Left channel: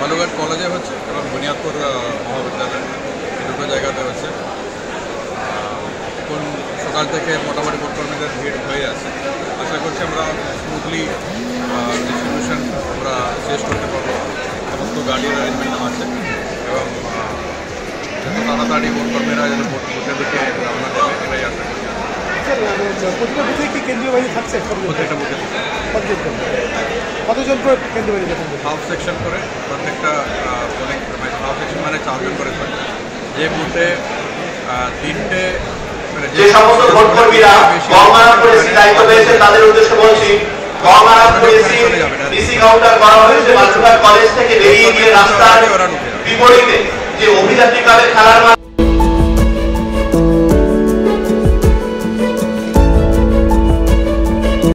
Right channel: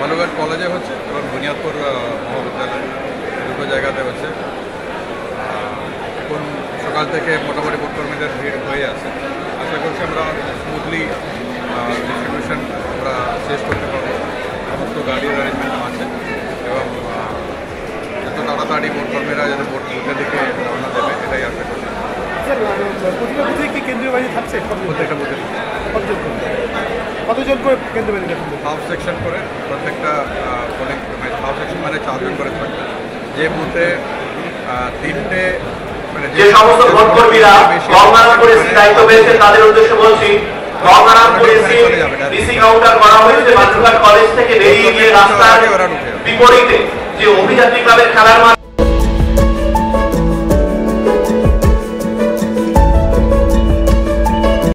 বালুঘাট কলেজে হচ্ছে এবং বুনিয়াদপুর মহাবিদ্যালয় এই দুটো জায়গাতে হচ্ছে। এখন সকাল থেকে মোটামুটি ভোটকর্মীদের ভিড় হয়ে আছে। আশা করছি আমরা স্মুথলি ডিস্ট্রিবিউশন আমরা শেষ করতে পারবো। সমস্ত গাড়ির অ্যারেঞ্জমেন্ট আছে এবং যত তাড়াতাড়ি ভোটকর্মীরা যাতে বুথের দিকে রওনা দেবে এটাই আশা করছি। প্রত্যেকটা বুথে কতজন করে কেন্দ্রীয় বাহিনী দেখুন? হাফ সেকশন করে প্রত্যেকটা পোলিং হাফ সেকশন মানে 4 জন করে থাকবে। যে বুথে 3টে মানে যে সমস্ত ভোটকর্মীরা গঙ্গারামপুরে দায়িত্ব পেয়েছেন তাদের উদ্দেশ্যে বলছি, গঙ্গারামপুরে চলে যাবে না। রিসিভ কাউন্টার করা হয়েছে বালুরঘাট কলেজ থেকে বেরিয়ে গিয়ে রাস্তার বিপরীতে যে অভিযাত্রী ক্লাবের খেলার